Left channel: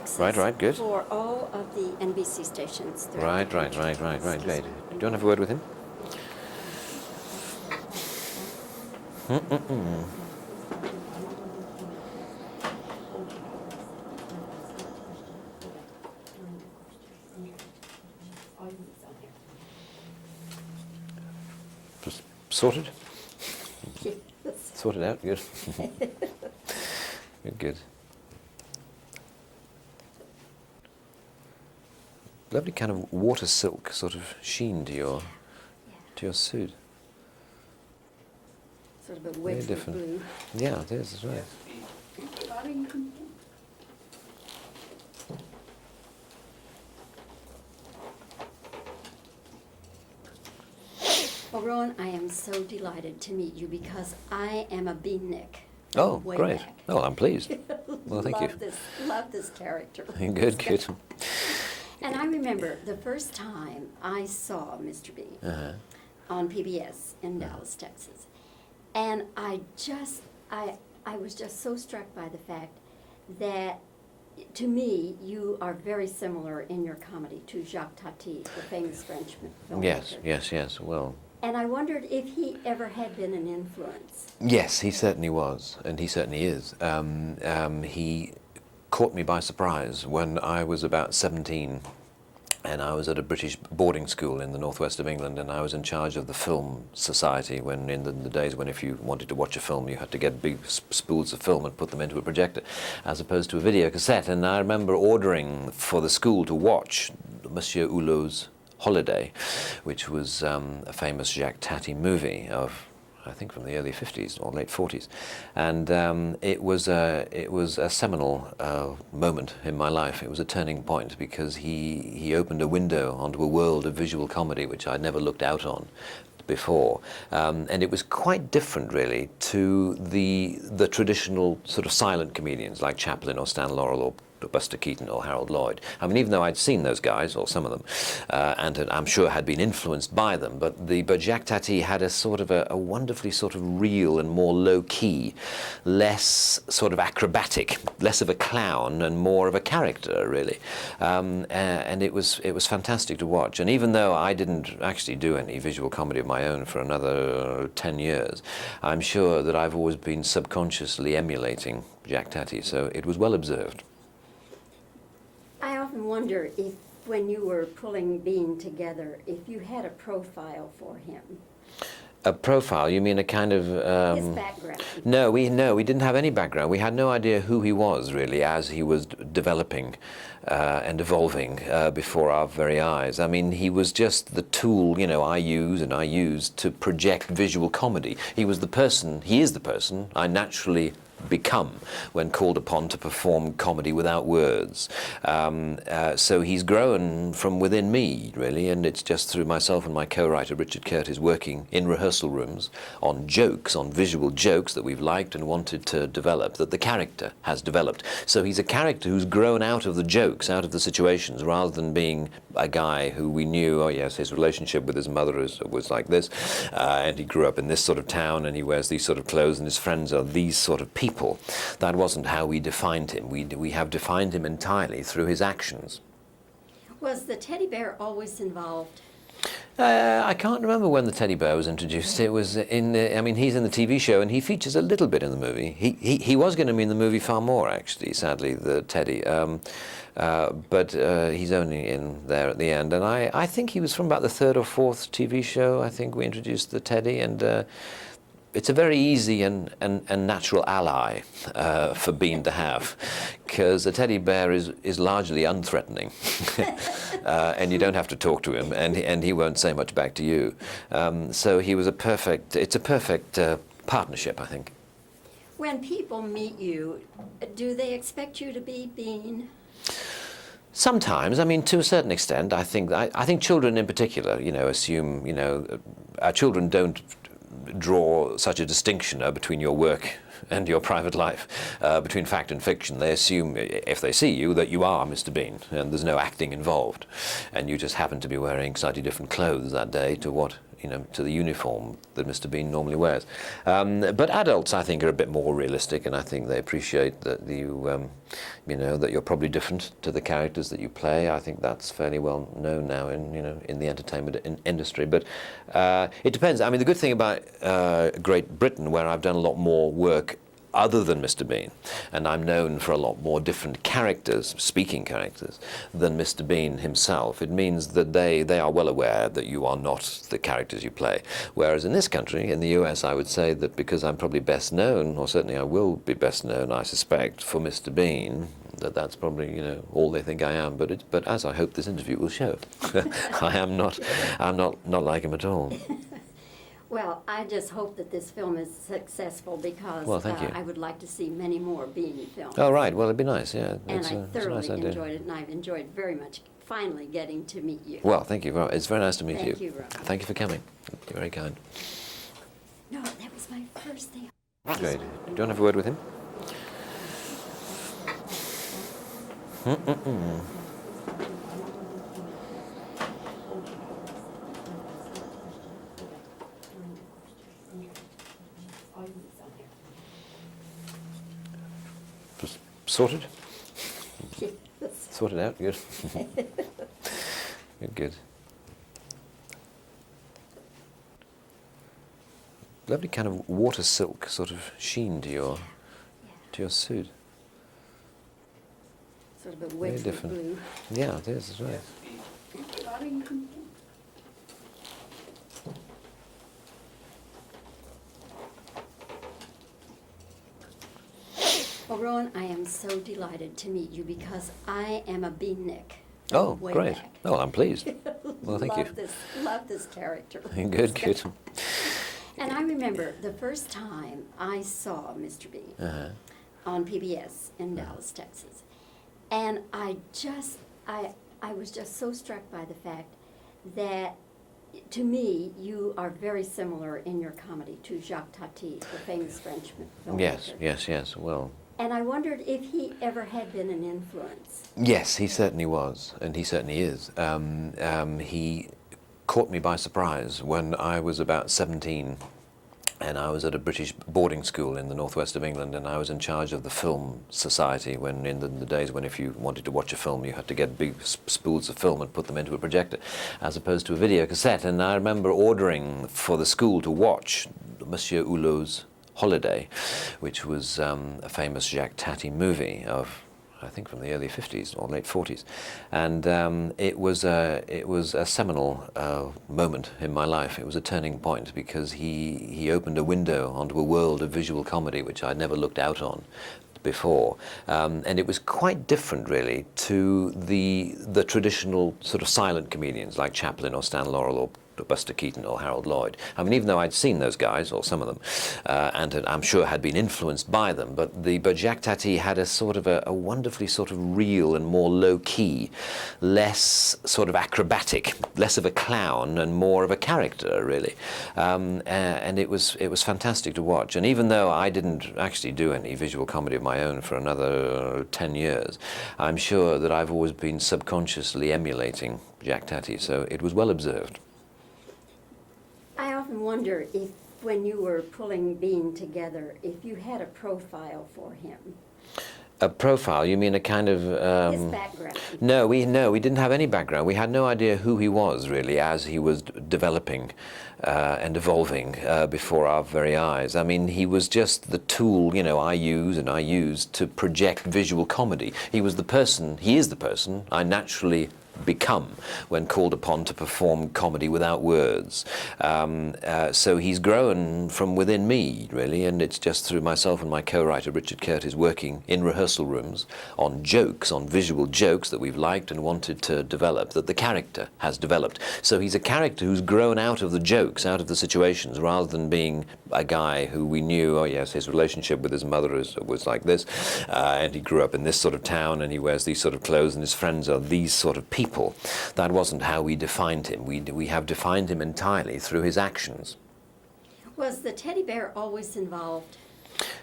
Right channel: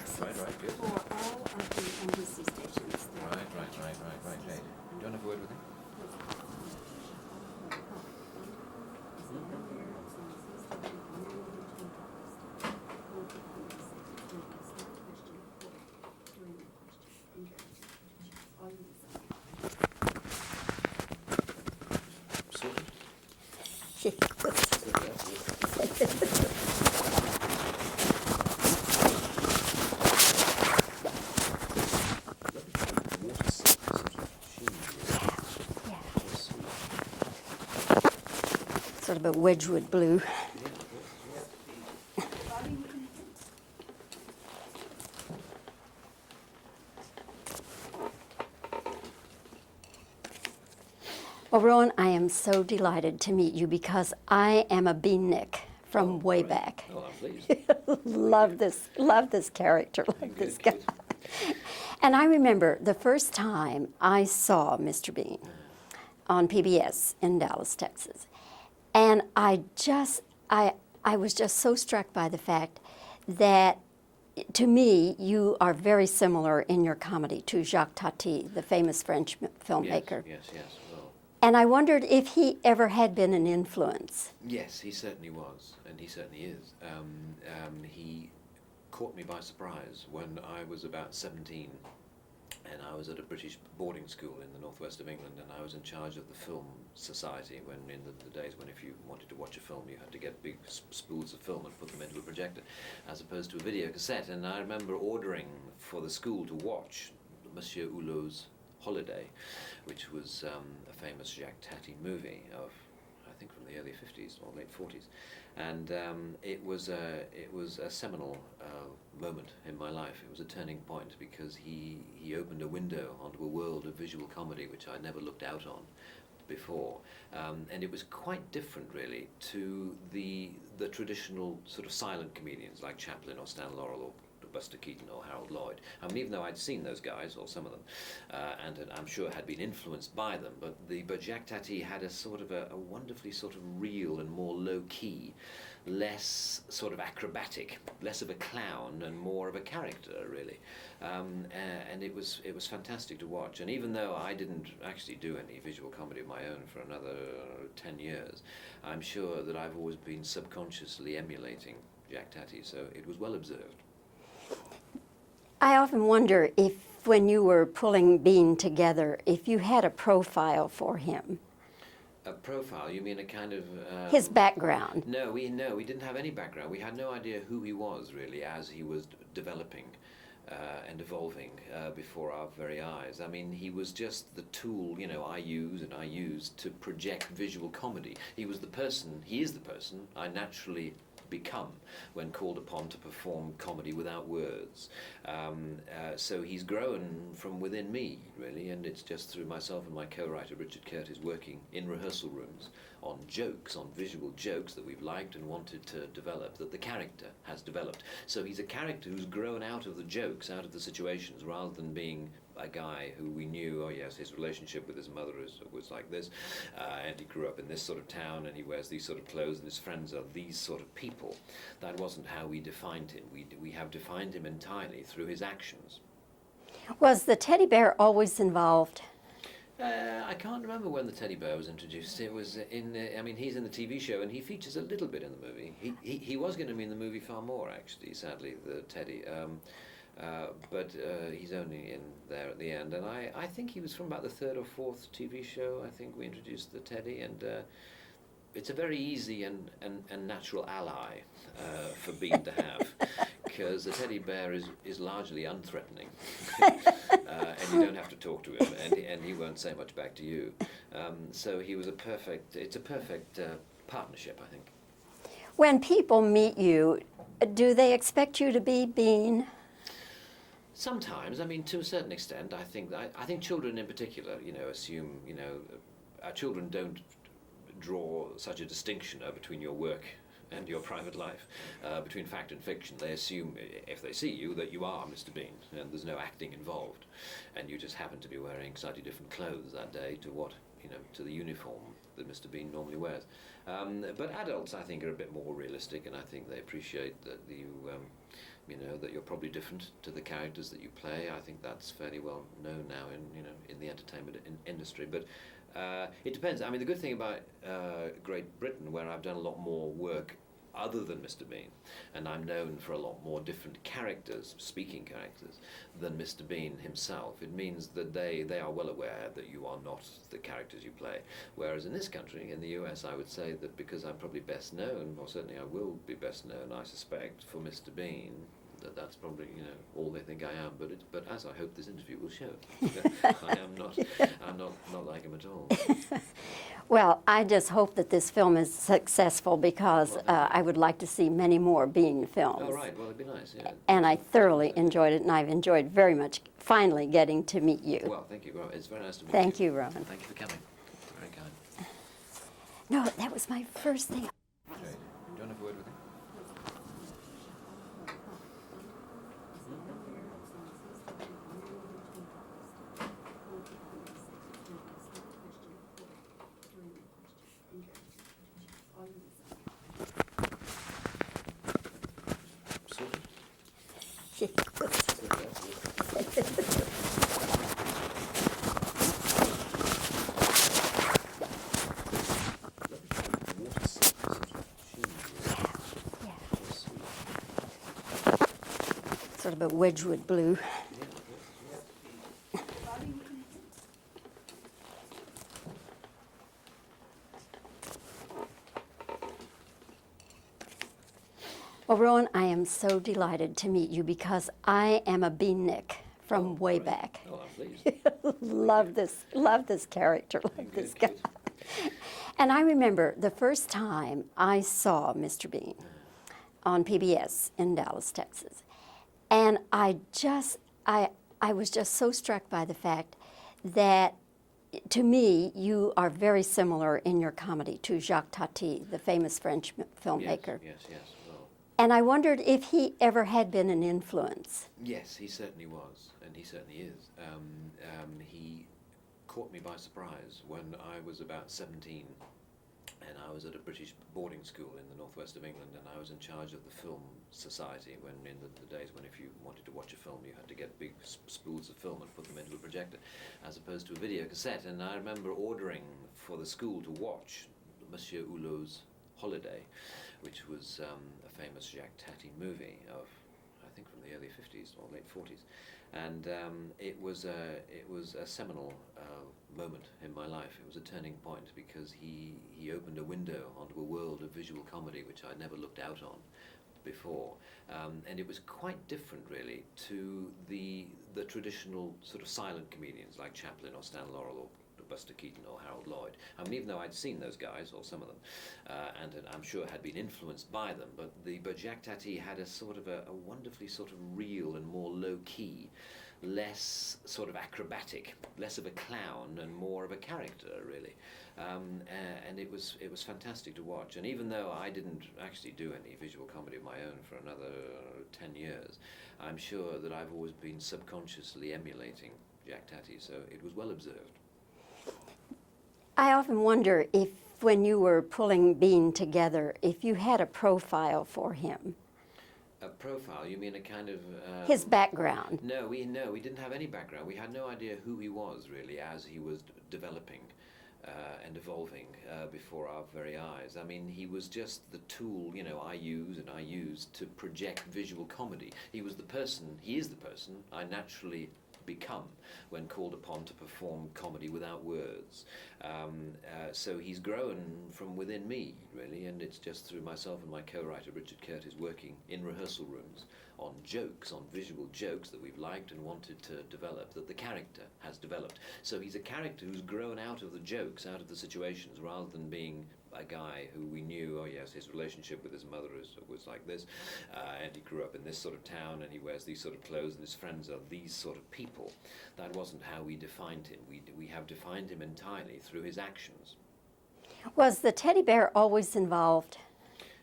Texas. Right, good. For all of the NBC stations. Right. Do you want to have a word with him? Just sorted? Sorted out, good. Good. Lovely kind of water silk sort of sheen to your suit. Sort of a Wedgwood blue. Yeah, it is, that's right. Well, Rowan, I am so delighted to meet you because I am a beatnik from way great. back. Oh, I'm pleased. Well, thank you. Love this character. Good. And I remember the first time I saw Mr. Bean on PBS in Dallas, Texas. And I was just so struck by the fact that, to me, you are very similar in your comedy to Jacques Tati, the famous French filmmaker. Yes. Well. And I wondered if he ever had been an influence. Yes, he certainly was, and he certainly is. He caught me by surprise when I was about 17, and I was at a British boarding school in the northwest of England, and I was in charge of the film society when in the days when if you wanted to watch a film you had to get big spools of film and put them into a projector as opposed to a video cassette. And I remember ordering for the school to watch Monsieur Hulot's Holiday, which was a famous Jacques Tati movie of, I think, from the early 50s or late 40s, and it was a seminal moment in my life. It was a turning point because he opened a window onto a world of visual comedy which I'd never looked out on before, and it was quite different really to the traditional sort of silent comedians like Chaplin or Stan Laurel or Buster Keaton or Harold Lloyd. I mean, even though I'd seen those guys, or some of them, and I'm sure had been influenced by them, but Jacques Tati had a sort of a wonderfully sort of real and more low-key, less sort of acrobatic, less of a clown and more of a character, really. And it was fantastic to watch. And even though I didn't actually do any visual comedy of my own for another 10 years, I'm sure that I've always been subconsciously emulating Jacques Tati, so it was well observed. I often wonder if, when you were pulling Bean together, if you had a profile for him. A profile? You mean a kind of... his background. No, we didn't have any background. We had no idea who he was, really, as he was developing and evolving before our very eyes. I mean, he was just the tool, I used to project visual comedy. He is the person I naturally become when called upon to perform comedy without words. So he's grown from within me, really, and it's just through myself and my co-writer Richard Curtis working in rehearsal rooms on jokes, on visual jokes that we've liked and wanted to develop, that the character has developed. So he's a character who's grown out of the jokes, out of the situations, rather than being a guy who we knew, oh yes, his relationship with his mother was like this, and he grew up in this sort of town and he wears these sort of clothes and his friends are these sort of people. That wasn't how we defined him. We have defined him entirely through his actions. Was the teddy bear always involved? I can't remember when the teddy bear was introduced. It was in the, I mean, he's in the TV show and he features a little bit in the movie. He was going to be in the movie far more, actually, sadly, the teddy. But he's only in there at the end. And I think he was from about the third or fourth TV show. I think we introduced the teddy, and it's a very easy and natural ally for Bean to have, because a teddy bear is largely unthreatening, and you don't have to talk to him, and he won't say much back to you. So he was it's a perfect partnership, I think. When people meet you, do they expect you to be Bean? Sometimes, I mean, to a certain extent. I think children in particular, assume, our children don't draw such a distinction between your work and your private life, between fact and fiction. They assume, if they see you, that you are Mr. Bean, and there's no acting involved, and you just happen to be wearing slightly different clothes that day to what to the uniform that Mr. Bean normally wears. But adults, I think, are a bit more realistic, and I think they appreciate that that you're probably different to the characters that you play. I think that's fairly well known now in the entertainment industry. But it depends. I mean, the good thing about Great Britain, where I've done a lot more work other than Mr. Bean, and I'm known for a lot more different characters, speaking characters, than Mr. Bean himself. It means that they are well aware that you are not the characters you play. Whereas in this country, in the US, I would say that because I'm probably best known, or certainly I will be best known, I suspect, for Mr. Bean, that's probably all they think I am. But as I hope this interview will show, I'm not like him at all. Well, I just hope that this film is successful because I would like to see many more Bean films. Oh, right. Well, it'd be nice, yeah. And I thoroughly enjoyed it, and I've enjoyed very much finally geting to meet you. Well, thank you. It's very nice to meet you. Thank you, Rowan. Thank you for coming. You're very kind. No, that was my first thing. Great. Do you want to have a word with him? Sorted? Sorted out, good. Good. Lovely kind of water silk sort of sheen to your suit. Sort of a Wedgwood blue. Yeah, it is, that's right. Well, Rowan, I am so delighted to meet you because I am a beatnik from way great. back. Oh, I'm pleased. Well, thank you. Love this character. Good, good. And I remember the first time I saw Mr. Bean on PBS in Dallas, Texas. And I was just so struck by the fact that, to me, you are very similar in your comedy to Jacques Tati, the famous French filmmaker. Yes. Well. And I wondered if he ever had been an influence. Yes, he certainly was, and he certainly is. He caught me by surprise when I was about 17, and I was at a British boarding school in the northwest of England, and I was in charge of the film society when in the days when if you wanted to watch a film you had to get big spools of film and put them into a projector as opposed to a video cassette. And I remember ordering for the school to watch Monsieur Hulot's Holiday, which was a famous Jacques Tati movie of, I think, from the early 50s or late 40s, and it was a seminal moment in my life. It was a turning point because he opened a window onto a world of visual comedy which I'd never looked out on before, and it was quite different really to the traditional sort of silent comedians like Chaplin or Stan Laurel or Buster Keaton or Harold Lloyd. I mean, even though I'd seen those guys, or some of them, and I'm sure had been influenced by them, but Jacques Tati had a sort of a wonderfully sort of real and more low-key, less sort of acrobatic, less of a clown and more of a character, really. And it was fantastic to watch. And even though I didn't actually do any visual comedy of my own for another 10 years, I'm sure that I've always been subconsciously emulating Jacques Tati, so it was well observed. I often wonder if, when you were pulling Bean together, if you had a profile for him. A profile? You mean a kind of... his background. No, we didn't have any background. We had no idea who he was, really, as he was developing and evolving before our very eyes. I mean, he was just the tool, I used to project visual comedy. He is the person I naturally become when called upon to perform comedy without words. So he's grown from within me, really, and it's just through myself and my co-writer Richard Curtis working in rehearsal rooms on jokes, on visual jokes that we've liked and wanted to develop, that the character has developed. So he's a character who's grown out of the jokes, out of the situations, rather than being a guy who we knew, oh yes, his relationship with his mother was like this, and he grew up in this sort of town, and he wears these sort of clothes, and his friends are these sort of people. That wasn't how we defined him. We have defined him entirely through his actions. Was the teddy bear always involved?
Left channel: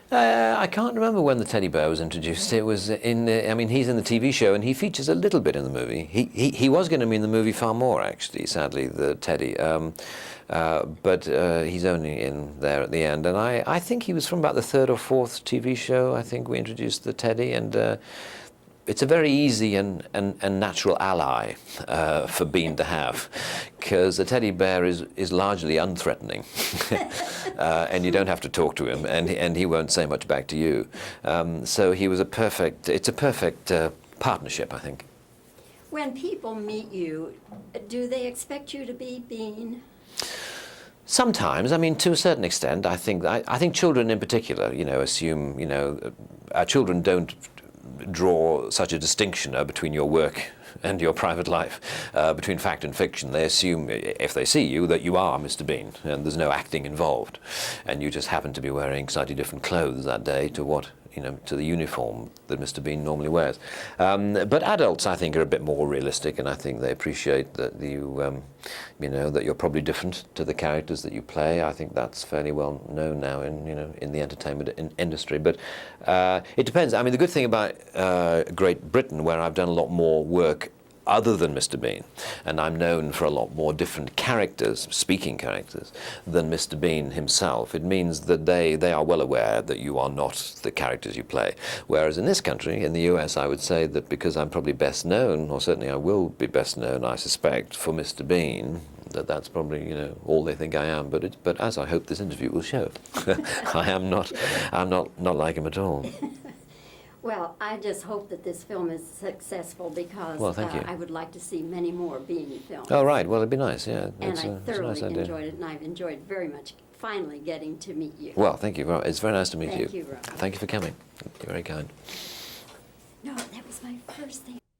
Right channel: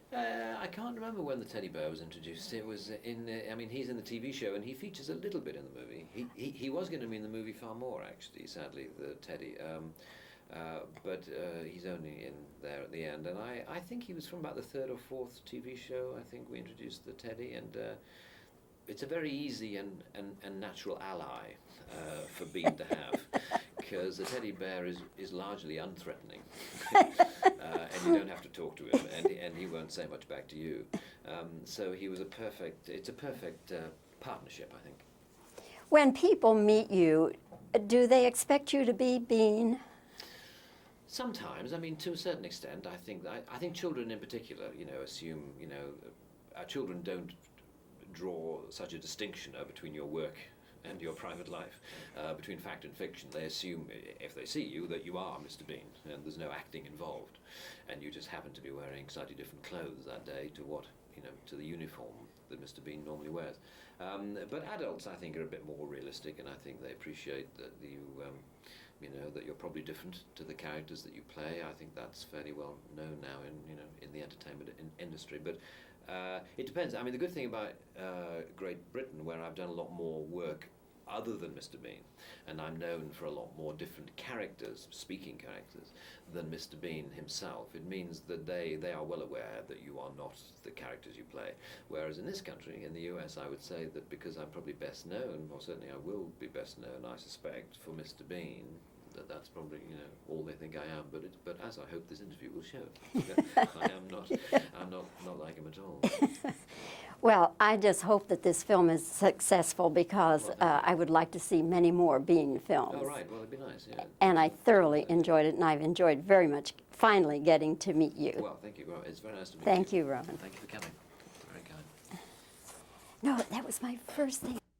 I can't remember when the teddy bear was introduced. It was in the, I mean, he's in the TV show and he features a little bit in the movie. He was going to be in the movie far more, actually, sadly, the teddy. But he's only in there at the end. And I think he was from about the third or fourth TV show. I think we introduced the teddy, and it's a very easy and natural ally for Bean to have, because the teddy bear is largely unthreatening, and you don't have to talk to him, and he won't say much back to you. So he was it's a perfect partnership, I think. When people meet you, do they expect you to be Bean? Sometimes, I mean, to a certain extent, I think children in particular, assume, our children don't draw such a distinction between your work and your private life, between fact and fiction. They assume, if they see you, that you are Mr. Bean, and there's no acting involved, and you just happen to be wearing slightly different clothes that day to to the uniform that Mr. Bean normally wears. But adults, I think, are a bit more realistic, and I think they appreciate that that you're probably different to the characters that you play. I think that's fairly well known now in the entertainment industry. But it depends. I mean, the good thing about Great Britain, where I've done a lot more work other than Mr. Bean, and I'm known for a lot more different characters, speaking characters, than Mr. Bean himself. It means that they are well aware that you are not the characters you play. Whereas in this country, in the US, I would say that because I'm probably best known, or certainly I will be best known, I suspect, for Mr. Bean, that's probably all they think I am. But as I hope this interview will show, I'm not like him at all. Well, I just hope that this film is successful, because Well, thank you. I would like to see many more Bean films. Oh, right. Well, it'd be nice, yeah. And I It's a thoroughly nice idea. enjoyed it, and I've enjoyed very much finally getting to meet you. Well, thank you. It's very nice to meet you. Thank you, Rowan. Thank you for coming. You're very kind. No, that was my first thing.